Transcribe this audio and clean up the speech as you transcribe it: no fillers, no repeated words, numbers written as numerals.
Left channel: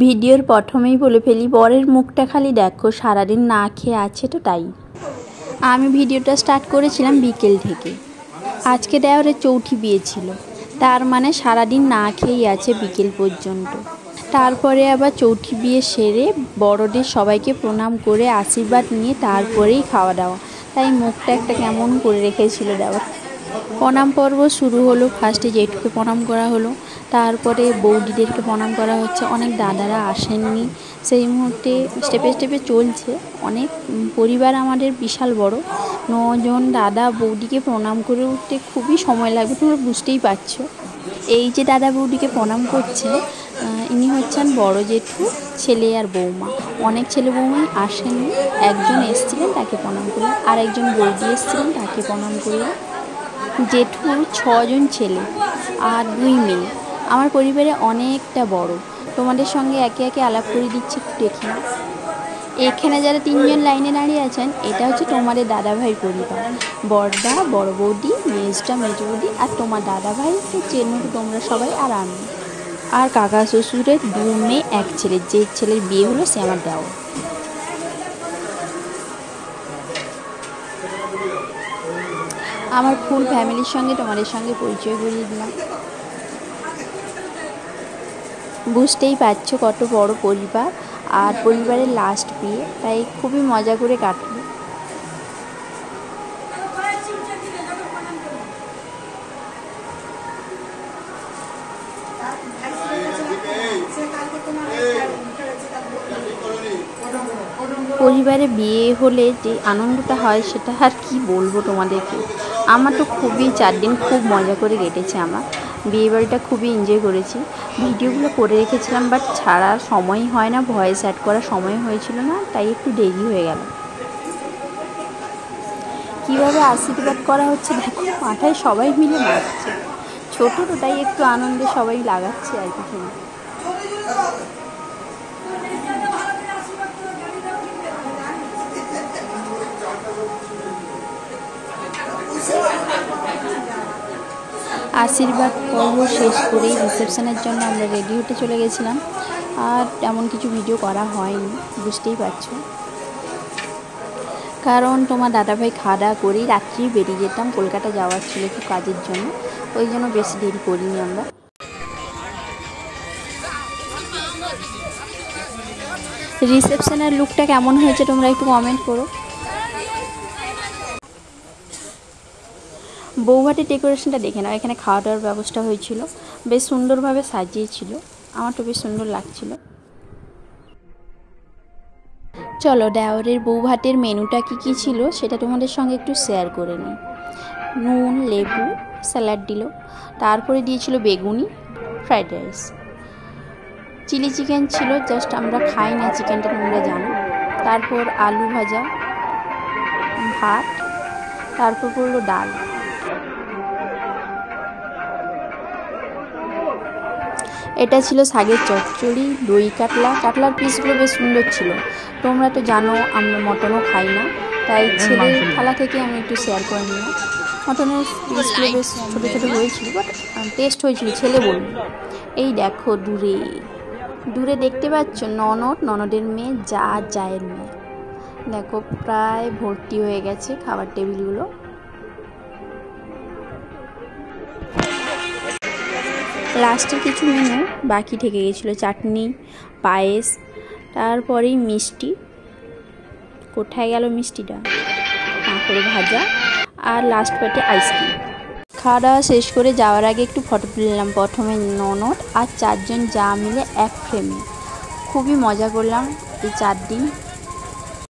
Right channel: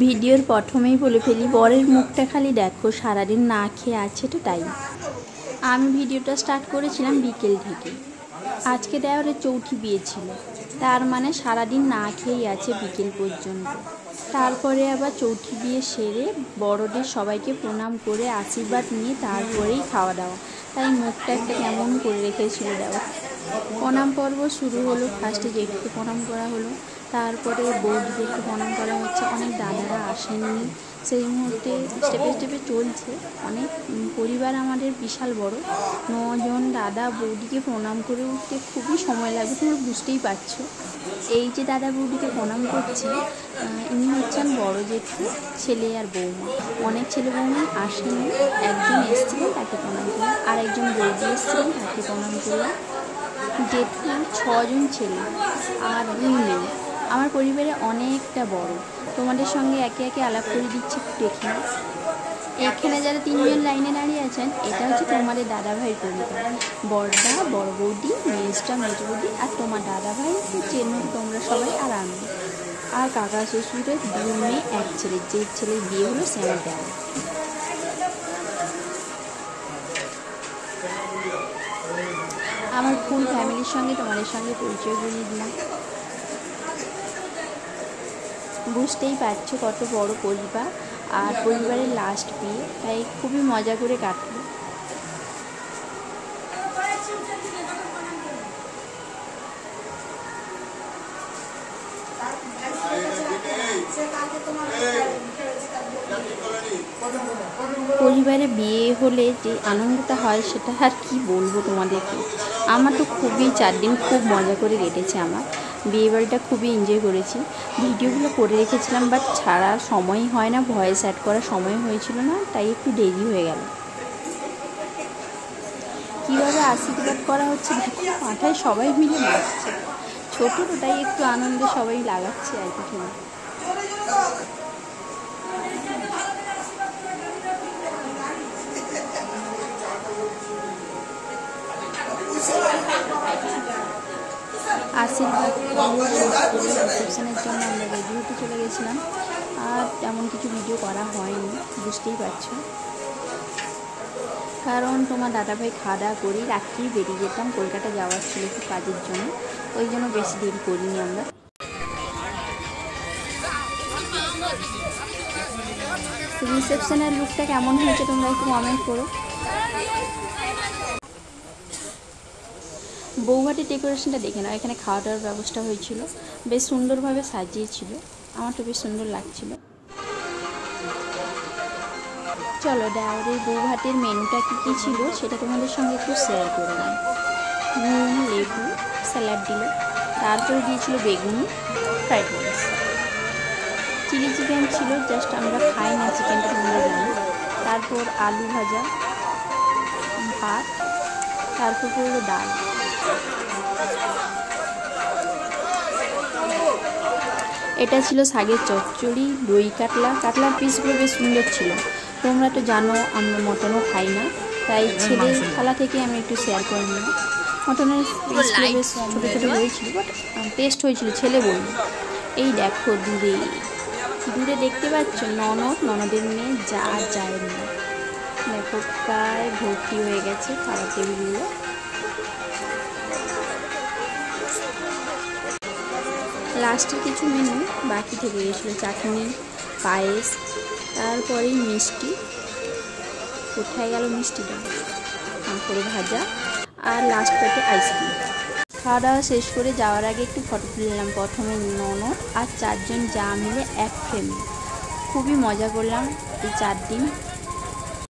ভিডিওর প্রথমেই বলে ফেলি, বরের মুখটা খালি দেখো, সারাদিন না খেয়ে আছে তো তাই। আমি ভিডিওটা স্টার্ট করেছিলাম বিকেল থেকে। আজকে দেওরের চৌঠি বিয়ে ছিল, তার মানে সারাদিন না খেয়েই আছে বিকেল পর্যন্ত। তারপরে আবার চৌঠি বিয়ে সেরে বড়দের সবাইকে প্রণাম করে আশীর্বাদ নিয়ে তারপরেই খাওয়া দাওয়া। তাই মুখটা একটা কেমন করে রেখেছিল দেওর। প্রণাম পর্ব শুরু হলো। ফার্স্টে জেঠুকে প্রণাম করা হলো, তারপরে বৌদিদেরকে প্রণাম করা হচ্ছে। অনেক দাদারা আসেননি সেই মুহূর্তে, স্টেপে স্টেপে চলছে। অনেক পরিবার আমাদের বিশাল বড়, 9 জন দাদা বৌদিকে প্রণাম করে উঠতে খুবই সময় লাগবে, তোমরা বুঝতেই পারছো। এই যে দাদা বৌদিকে প্রণাম করছে, ইনি হচ্ছেন বড় জেঠু, ছেলে আর বৌমা। অনেক ছেলে বৌমা আসেনি, একজন এসেছিলেন তাকে প্রণাম করলাম, আর একজন বৌদি এসেছিলেন তাকে প্রণাম করলাম। জেঠুর 6 জন ছেলে আর 2 মেয়ে। আমার পরিবারে অনেকটা বড়। তোমাদের সঙ্গে একে একে আলাপ করে দিচ্ছি, দেখি। এখানে যারা 3 জন লাইনে দাঁড়িয়ে আছেন, এটা হচ্ছে তোমাদের দাদাভাইয়ের পরিবার। বড়দা, বড় বৌদি, মেজটা, মেজ বৌদি, আর তোমার দাদাভাই তো চেনো তোমরা সবাই, আর আমি। আর কাকা শ্বশুরের 2 মেয়ে 1 ছেলে, যে ছেলের বিয়ে হলো সে আমার দেওর। আমার ফুল ফ্যামিলির সঙ্গে তোমাদের সঙ্গে পরিচয় করিয়ে দিলাম। বুঝতেই পারছো কত বড় পরিবার, আর পরিবারের লাস্ট বিয়ে, তাই খুবই মজা করে কাটলো। পরিবারে বিয়ে হলে যে আনন্দটা হয় সেটা আর কি বলবো তোমাদেরকে। আমার তো খুবই 4 দিন খুব মজা করে কেটেছে। আমার বিয়েবাড়িটা খুবই এনজয় করেছি। ভিডিওগুলো করে রেখেছিলাম, বাট ছাড়ার সময় হয় না, ভয়েস অ্যাড করার সময় হয়েছিল না, তাই একটু দেরি হয়ে গেল। কীভাবে আশীর্বাদ করা হচ্ছে দেখো, মাথায় সবাই মিলে নাচছে। ছোটো তো, তাই একটু আনন্দে সবাই লাগাচ্ছে আর কি। আশীর্বাদ পর্ব শেষ করেই রিসেপশনের জন্য আমরা রেডি হতে চলে গেছিলাম। আর তেমন কিছু ভিডিও করা হয়নি, বুঝতেই পারছো, কারণ তোমার দাদাভাই খাওয়া দাওয়া করেই রাত্রি বেরিয়ে যেতাম। কলকাতা যাওয়ার ছিল একটু কাজের জন্য, ওই জন্য বেশি দেরি করিনি আমরা। রিসেপশনের লুকটা কেমন হয়েছে তোমরা একটু কমেন্ট করো। বৌভাতের ডেকোরেশনটা দেখে নাও। এখানে খাওয়া দাওয়ার ব্যবস্থা হয়েছিল, বেশ সুন্দরভাবে সাজিয়েছিল, আমার তো বেশ সুন্দর লাগছিল। চলো দেওরের বৌভাতের মেনুটা কী ছিল সেটা তোমাদের সঙ্গে একটু শেয়ার করে নিই। নুন, লেবু, স্যালাড দিল, তারপরে দিয়েছিল বেগুনি, ফ্রাইড রাইস, চিলি চিকেন ছিল, জাস্ট আমরা খাই না চিকেনটা, তোমরা জানো। তারপর আলু ভাজা, ভাত, তারপর পড়লো ডাল। এটা ছিল শাকের চচ্চড়ি, দই কাতলা। কাতলার পিসগুলো বেশ সুন্দর ছিল। তোমরা তো জানো আমরা মটনও খাই না, তাই ছেলের থালা থেকে আমি একটু শেয়ার করে নিলাম। মটনের পিসগুলো বেশ ছোটো ছোটো হয়েছিল, বাট টেস্ট হয়েছিল, ছেলে বলল। এই দেখো দূরে দূরে দেখতে পাচ্ছ ননদের মেয়ে, যা যায় মেয়ে। দেখো প্রায় ভর্তি হয়ে গেছে খাবার টেবিলগুলো। লাস্টে কিছু মেনু বাকি থেকে গেছিলো, চাটনি, পায়েস, তারপরেই মিষ্টি। কোথায় গেল মিষ্টিটা? কাঁকড়ে ভাজা, আর লাস্ট পেটে আইসক্রিম। খাওয়া দাওয়া শেষ করে যাওয়ার আগে একটু ফটো তুলে নিলাম। প্রথমে ননদ আর 4 জন যা মিলে এক ফ্রেমে। খুবই মজা করলাম এই 4 দিন।